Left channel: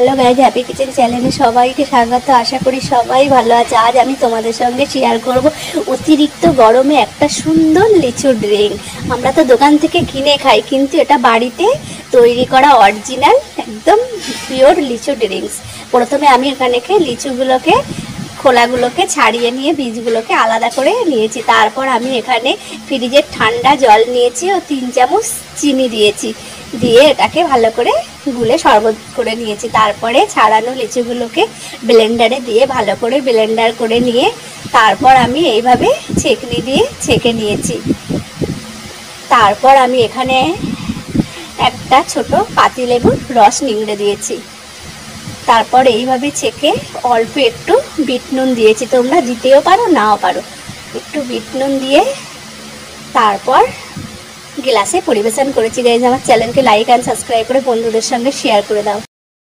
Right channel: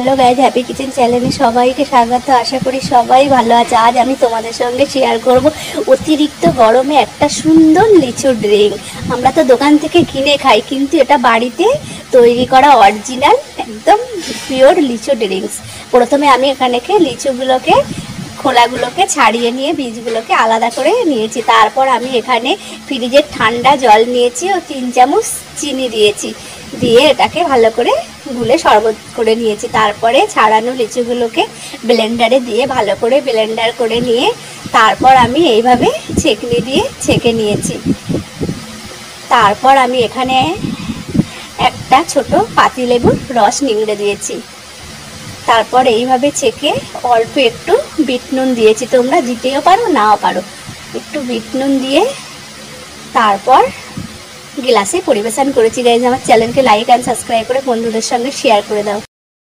Hello guys, happy kitchen চ্যানেলে সবাইকে স্বাগত। আশা করি সবাই ভালো আছে। আজ আমি তোমাদের সঙ্গে শেয়ার করব অতিরিক্ত গরমে একটা সুন্দর লিচু ড্রিঙ্ক। আমরা তো দোকান থেকে কিনে খাই, কিন্তু এটা বাড়িতে তৈরি করা অরিজিনাল একদম পিওর লিচু ড্রিঙ্কস। প্রথমে আমি এখানে লিচুগুলোকে খোলাগুলোকে ছাড়িয়ে নিয়ে বীজগুলোকে আলাদা করে নিয়েছি। তারপর আমি এখানে ফ্রিজের ঠান্ডা জল নিয়েছি ও 3 চামচ চিনি দিয়েছি, দিয়ে এটাকে ভালো করে গুলে শরবত করে নিয়েছি। তারপরে ছাড়ানো লিচুগুলোকে ব্লেন্ডারে দিয়ে ভালো করে ব্লেন্ডার করে নিয়ে তারপর আমি এইভাবে ছেঁকনি দিয়ে ছেঁকে নিয়েছি। তারপর আমি এখানে একটা ছোট পাতিলেবুর রস নিংড়ে দিয়েছি। তারপর এইভাবে ছেঁকে অল্প একটু বিট নুন দিয়েছি, তোমরা দিতেও পারো নাও পারো। একটু বিট নুন দিয়ে তারপর গ্লাসে পরিবেশন করেছি। গাইজ, আমার চ্যানেলকে লাইক অ্যান্ড সাবস্ক্রাইব করে বন্ধুদের সঙ্গে শেয়ার করে দাও।